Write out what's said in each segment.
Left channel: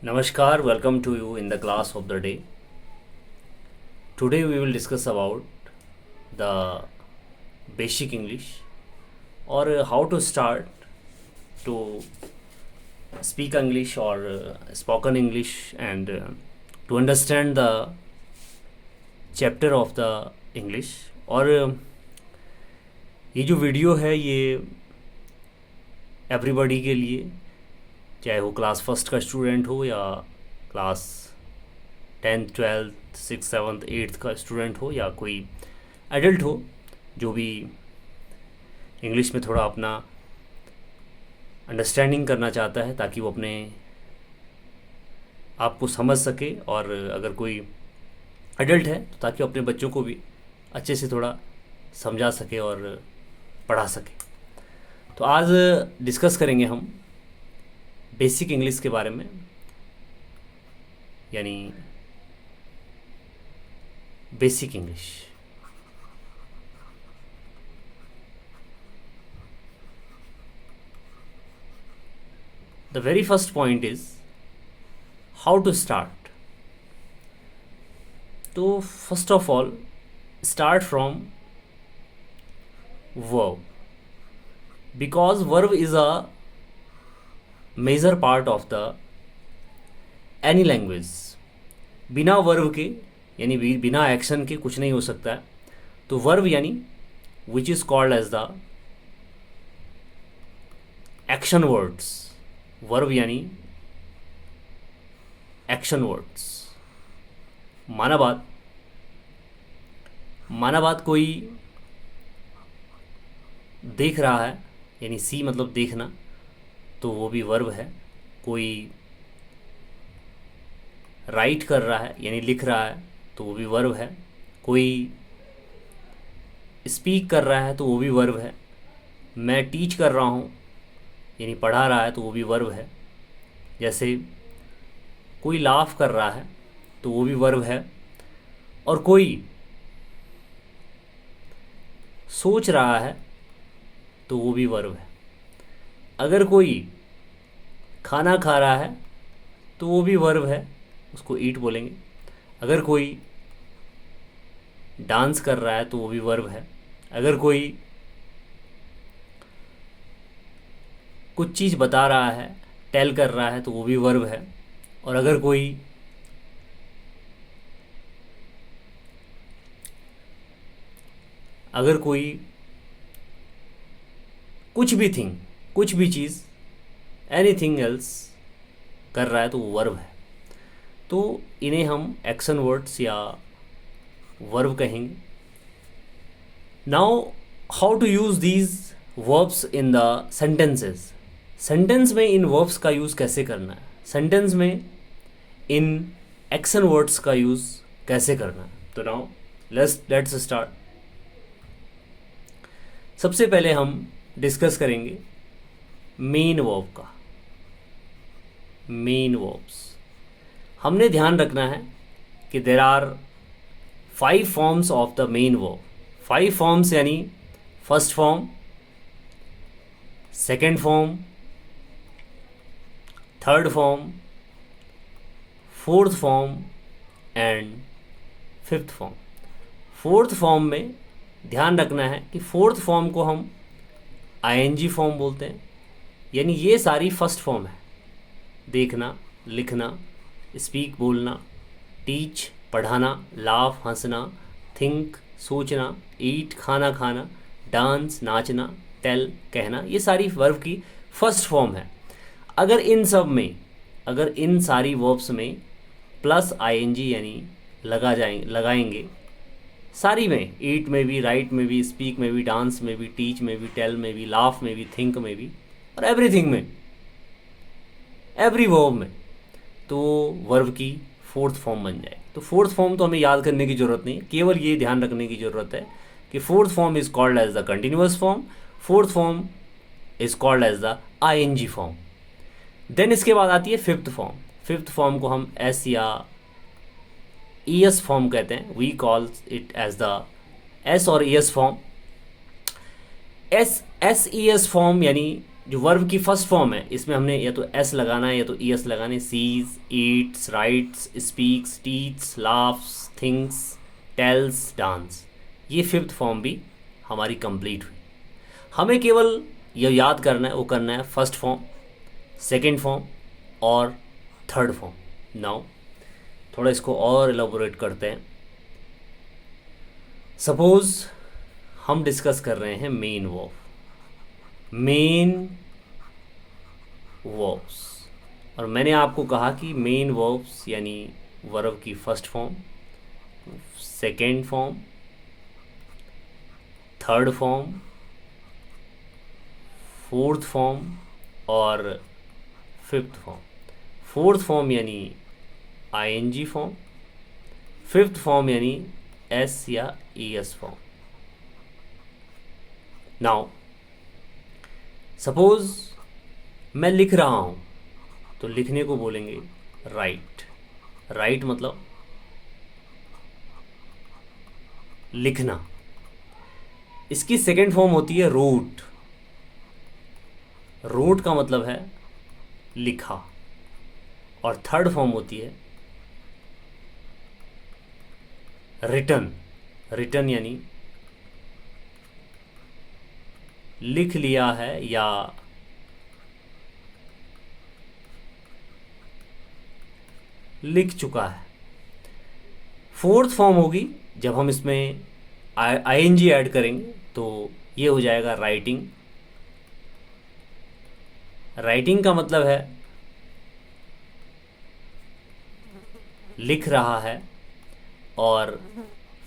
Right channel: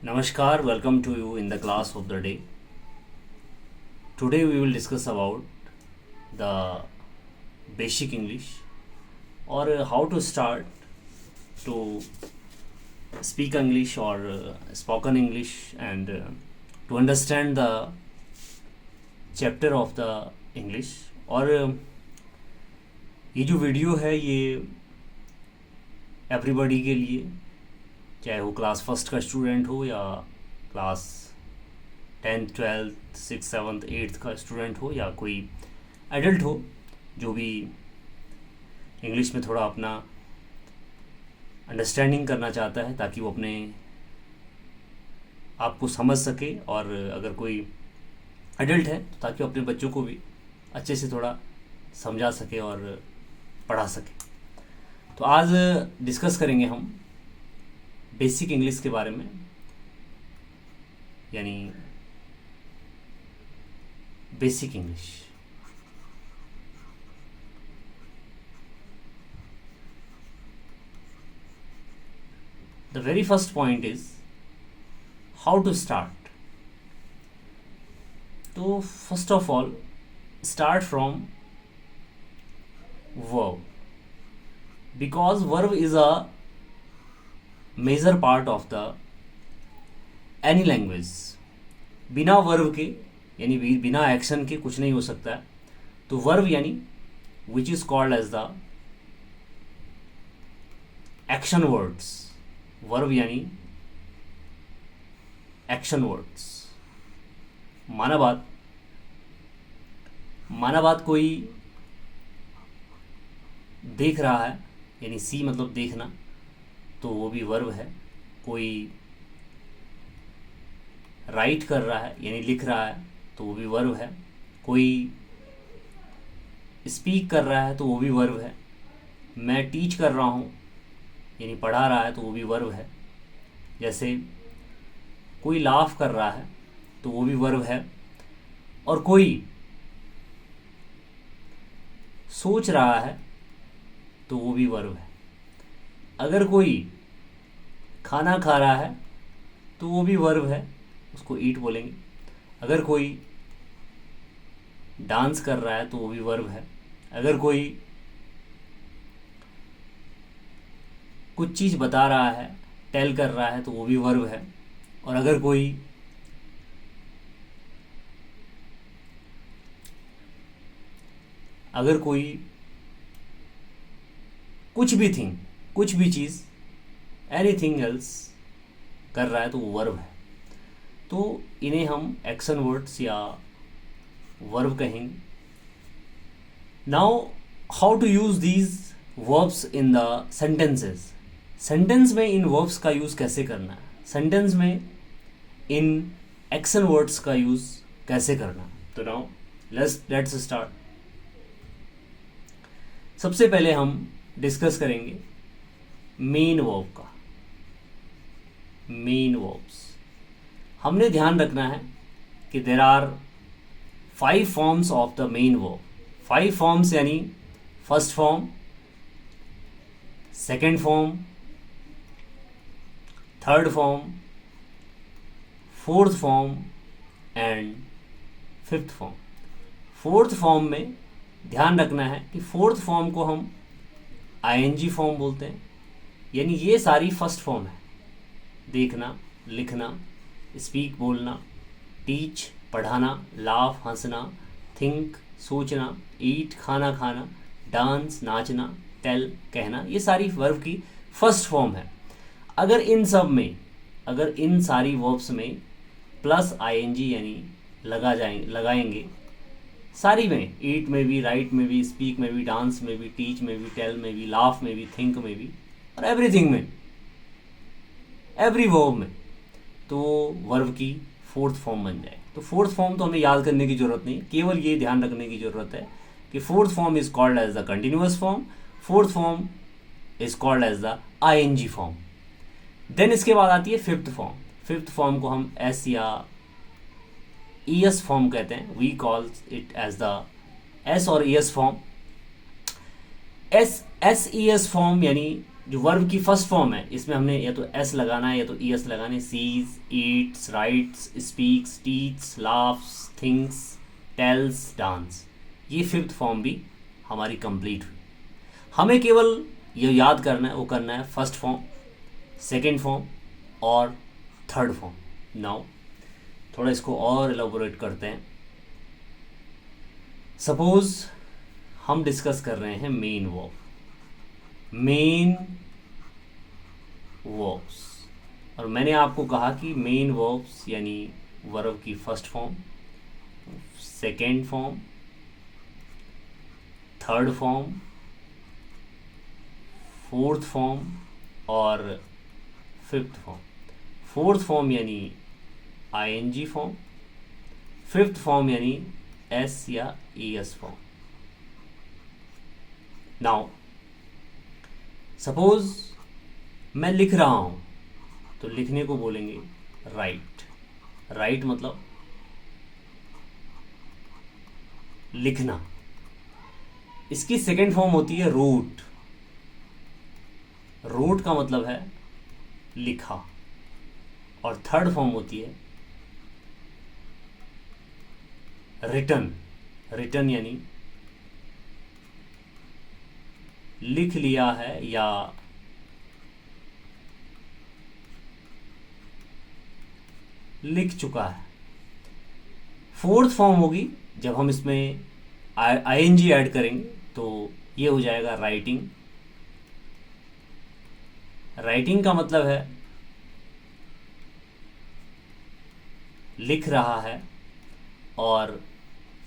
Namaskar, welcome to you in the class of the day. Today we will discuss about the basic English or how to start to speak English or spoken English and to understand the chapter of the English. और ये जो video है ये everybody के लिए, चाहे वो class first का स्टूडेंट हो या class 10th 12th 6th 7th 8th का स्टूडेंट हो या कोई एडल्ट हो जो भी इंग्लिश में थोड़ा अपना अंडरस्टैंडिंग करना चाहता है ताकि वो अपने आप को समझ सके, और अगर कोई एडल्ट है तो ताकि वो अपने बच्चों को भी अच्छे से थोड़ा समझा सके और पढ़ा सके। तो आज डिस्कस करेंगे हम बेसिक इंग्लिश के बारे में, यानी basic English. The very first point is how to start. तो first of all start from verb, because verb is a major part of the any language. बिना वर्ब के यानी बिना एक्शन के कुछ नहीं हो सकता है। तो वर्ब यानी which is called as the action words. Verb यानी एक्शन वर्ड्स। माना बात कोई देख रहा है, यानी सी मतलब देखना, तो वो भी वर्ब है। कोई राइट कर रहा है यानी लिख रहा है तो वो भी वर्ब है। कोई स्पीक कर रहा है तो वो भी वर्ब है। मैं टीच कर रहा हूँ यानी पढ़ा रहा है तो वो भी वर्ब है। जैसे कोई लाफ कर रहा है तो वो भी वर्ब है। और कोई सोच रहा है तो वो भी वर्ब है। अगर कोई खाना खा रहा है तो वो भी वर्ब है, उसको ईट बोलेंगे। अगर कोई डांस कर रहा है तो वो भी वर्ब है। अगर कोई कुछ चीज़ बता रहा है, टेल कर रहा है, तो वो भी वर्ब है। और अगर कोई कुछ भी चीज़ एनीथिंग एल्स कर रहा है तो वो वर्ब है। तो इन्हें हम एक्शन वर्ड्स या वर्ब कहेंगे। Now how to use these verbs in the sentences. Sentence में इन वर्ब्स का यूज़ कैसे करना है, सेंटेंस में इन एक्शन वर्ड्स का यूज़ कैसे करना है। तो नाउ लेट्स स्टार्ट। सबसे पहले हम डिस्कस करेंगे मेन वर्ब का। मेन वर्ब्स हमने ध्यान रखना है कि there are 5 forms of the main verb. 5 forms यानी first form, second form, third form, fourth form and fifth form. Fourth form में ध्यान रखना है कि फोर्थ फॉर्म को हम आईएनजी फॉर्म बोलते हैं, यानी ये सारी फर्स्ट फॉर्म है। देखना, लिखना, स्पीक बोलना, टीच पढ़ाना, लाफ हंसना, थिंक सोचना, ईट खाना खाना, डांस नाचना, टेल कहना, ये सारी वर्ब की फर्स्ट फॉर्म है। अगर इन सारी वर्ब्स में प्लस आईएनजी यानी लगाएंगे सारी में, ईट में भी, राइट में भी, स्पीक में भी, डांस में भी, टीच में भी, टेल में भी, लाफ में भी, थिंक में भी, और एवरीथिंग में, एवरी वर्ब में, तो वर्ब की फोर्थ फॉर्म बन जाए। तो फोर्थ फॉर्म तो हमें याद करने की ज़रूरत नहीं, केवल ये ध्यान रखने की ज़रूरत है कि fourth form is called as the continuous form, fourth form is called as the ING form. Then इसके बाद आती है फिफ्थ फॉर्म। फिफ्थ फॉर्म को हम एस या ईएस फॉर्म कहते हैं। We call it as the S और ES form. S E S form यानी जो वर्ब की फर्स्ट फॉर्म है इसमें हमने या तो एस लगाना है या तो ई एस लगाना है। Sees, eats, writes, speaks, teach, laughs, things, tells, dance, ये फिफ्थ फॉर्म भी हमारी कंप्लीट हुई। हमें केवल ये याद करना है, वो करना है फर्स्ट फॉर्म, सेकेंड फॉर्म और थर्ड फॉर्म। नाउ थोड़ा इसको और एलाबोरेट करते हैं। सपोज हम डिस्कस कर रहे हैं मेन वर्ब, मेन वर्ब्स, और मैंने आपको कहा कि मेन वर्ब्स यानी वर्ब की first form, second form, third form, fourth form और फिफ्थ फॉर्म। फोर्थ फॉर्म यानी आईएनजी फॉर्म, फिफ्थ फॉर्म यानी एस या ईएस फॉर्म। नाउ सपोज मैं लिख रहा हूं तो लिखने को बोलेंगे राइट। राइट मतलब लिखना। इसकी सेकेंड फॉर्म होती है रोट। रोट का मतलब है लिखा। और थर्ड फॉर्म होती है रिटन। रिटन यानी लिख लिया है या लिख चुका है। फोर्थ फॉर्म होगी जब हम इसमें आईएनजी ऐड करेंगे तो ये हो जाएगा राइटिंग। राइटिंग का मतलब है लिख रहा है। और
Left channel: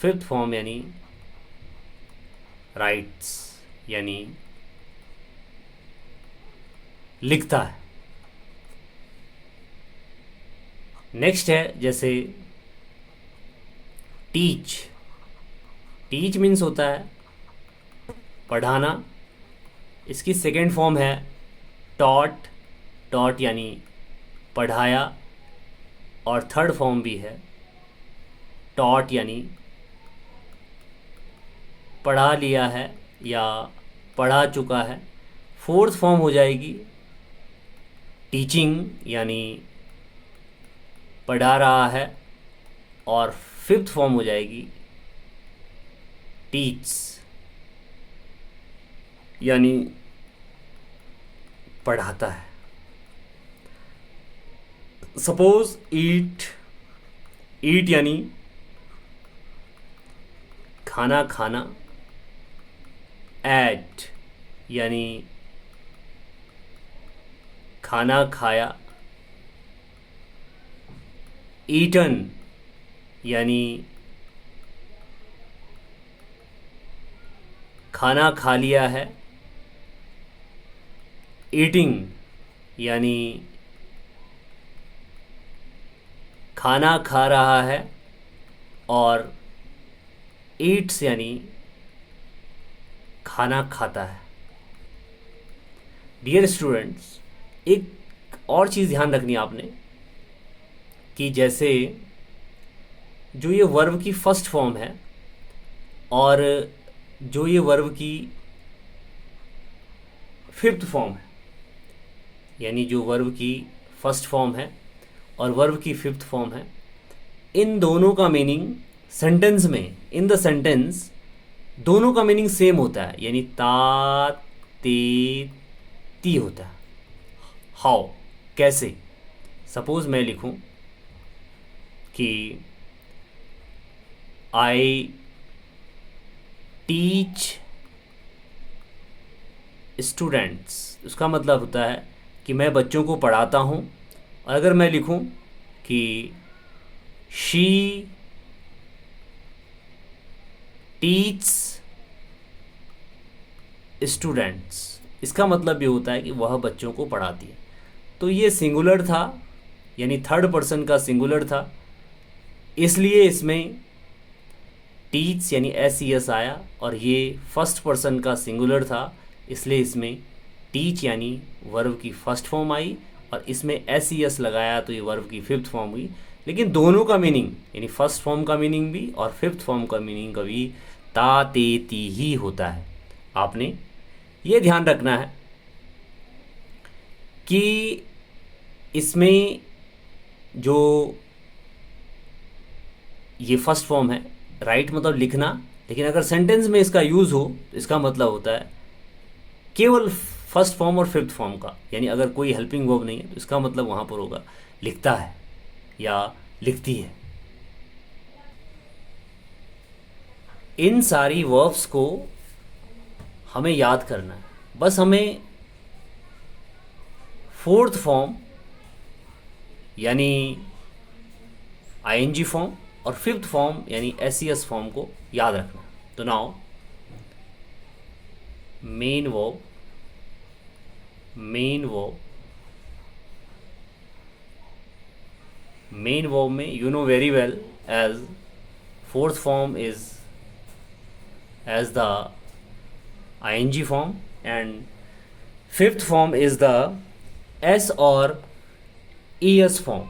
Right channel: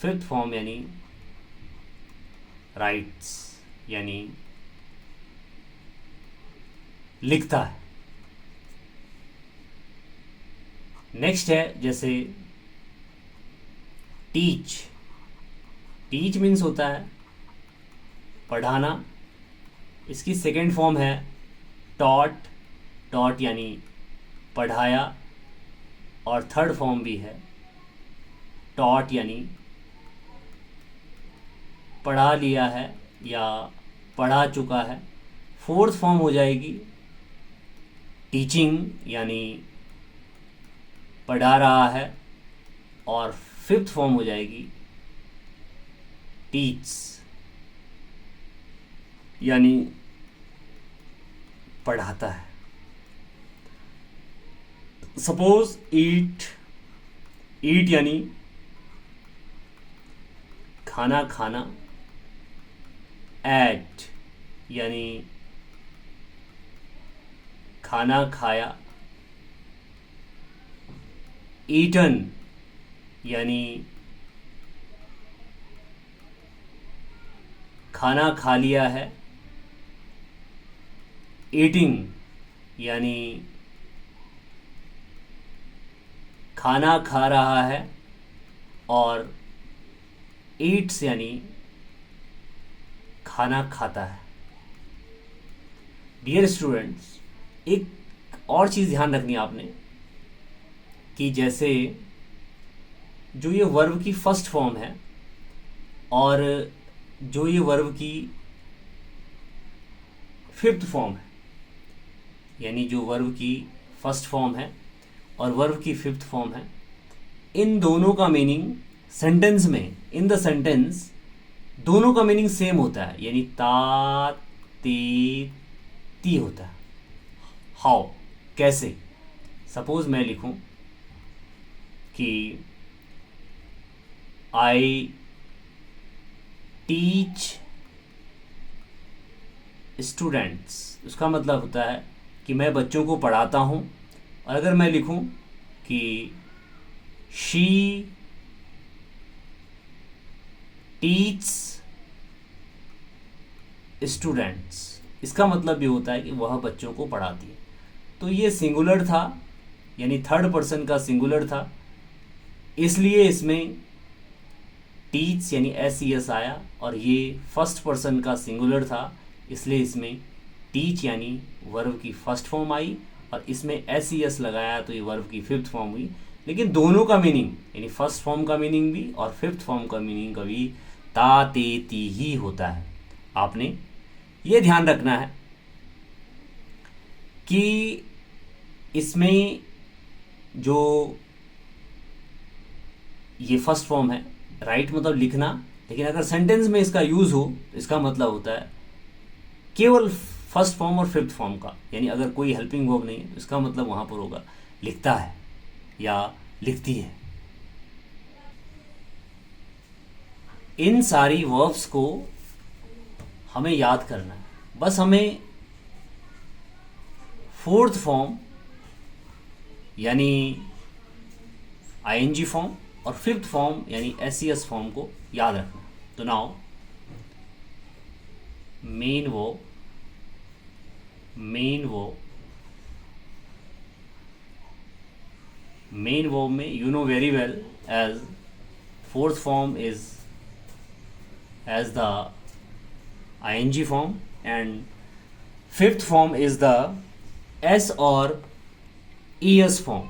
फिफ्थ फॉर्म यानी राइट्स यानी लिखता है। नेक्स्ट है जैसे टीच। टीच मीन्स होता है पढ़ाना। इसकी सेकेंड फॉर्म है टॉट। टॉट यानी पढ़ाया। और थर्ड फॉर्म भी है टॉट यानी पढ़ा लिया है या पढ़ा चुका है। फोर्थ फॉर्म हो जाएगी टीचिंग यानी पढ़ा रहा है। और फिफ्थ फॉर्म हो जाएगी टीच यानी पढ़ाता है। सपोज ईट। ईट यानी खाना खाना। एट यानी खाना खाया। ईटन यानी खाना खा लिया है। ईटिंग यानी खाना खा रहा है। और ईट्स यानी खाना खाता है। डियर स्टूडेंट्स, एक और चीज़ ध्यान रखनी है आपने कि जैसे जो ये वर्ब की फर्स्ट फॉर्म है और जो ये वर्ब की फिफ्थ फॉर्म है, यानी जो वर्ब की फर्स्ट फॉर्म है और वर्ब की फिफ्थ फॉर्म है, इन दोनों का मीनिंग सेंटेंस में, इन द सेंटेंस, दोनों का मीनिंग सेम होता है, यानी ता ते ती होता है। हाउ, कैसे? सपोज मैं लिखूं कि आई टीच स्टूडेंट्स, उसका मतलब होता है कि मैं बच्चों को पढ़ाता हूं। और अगर मैं लिखूं कि शी टीच स्टूडेंट्स, इसका मतलब ये होता है कि वह बच्चों को पढ़ाती है। तो ये सिंगुलर था, यानी थर्ड पर्सन का सिंगुलर था, इसलिए इसमें टीच यानी एस आया। और ये फर्स्ट पर्सन का सिंगुलर था, इसलिए इसमें टीच यानी वर्ब की फर्स्ट फॉर्म आई। और इसमें एस लगाया तो ये वर्ब की फिफ्थ फॉर्म हुई। लेकिन दोनों का मीनिंग, यानी फर्स्ट फॉर्म का मीनिंग भी और फिफ्थ फॉर्म का मीनिंग का भी ता ते ती ही होता है। आपने ये ध्यान रखना है कि इसमें जो ये फर्स्ट फॉर्म है, राइट मतलब लिखना, लेकिन अगर सेंटेंस में इसका यूज़ हो तो इसका मतलब होता है केवल फर्स्ट फॉर्म और फिफ्थ फॉर्म का, यानी अगर कोई हेल्पिंग वर्ब नहीं है तो इसका मतलब वहाँ पर होगा लिखता है या लिखती है। इन सारी वर्ब्स को हमें याद करना है, बस हमें फोर्थ फॉर्म यानी आईएनजी फॉर्म और फिफ्थ फॉर्म यानी एसईएस फॉर्म को याद रखना। तो नाउ मेन वर्ब में you know very well as fourth form is as the ing form and fifth form is the s or es form.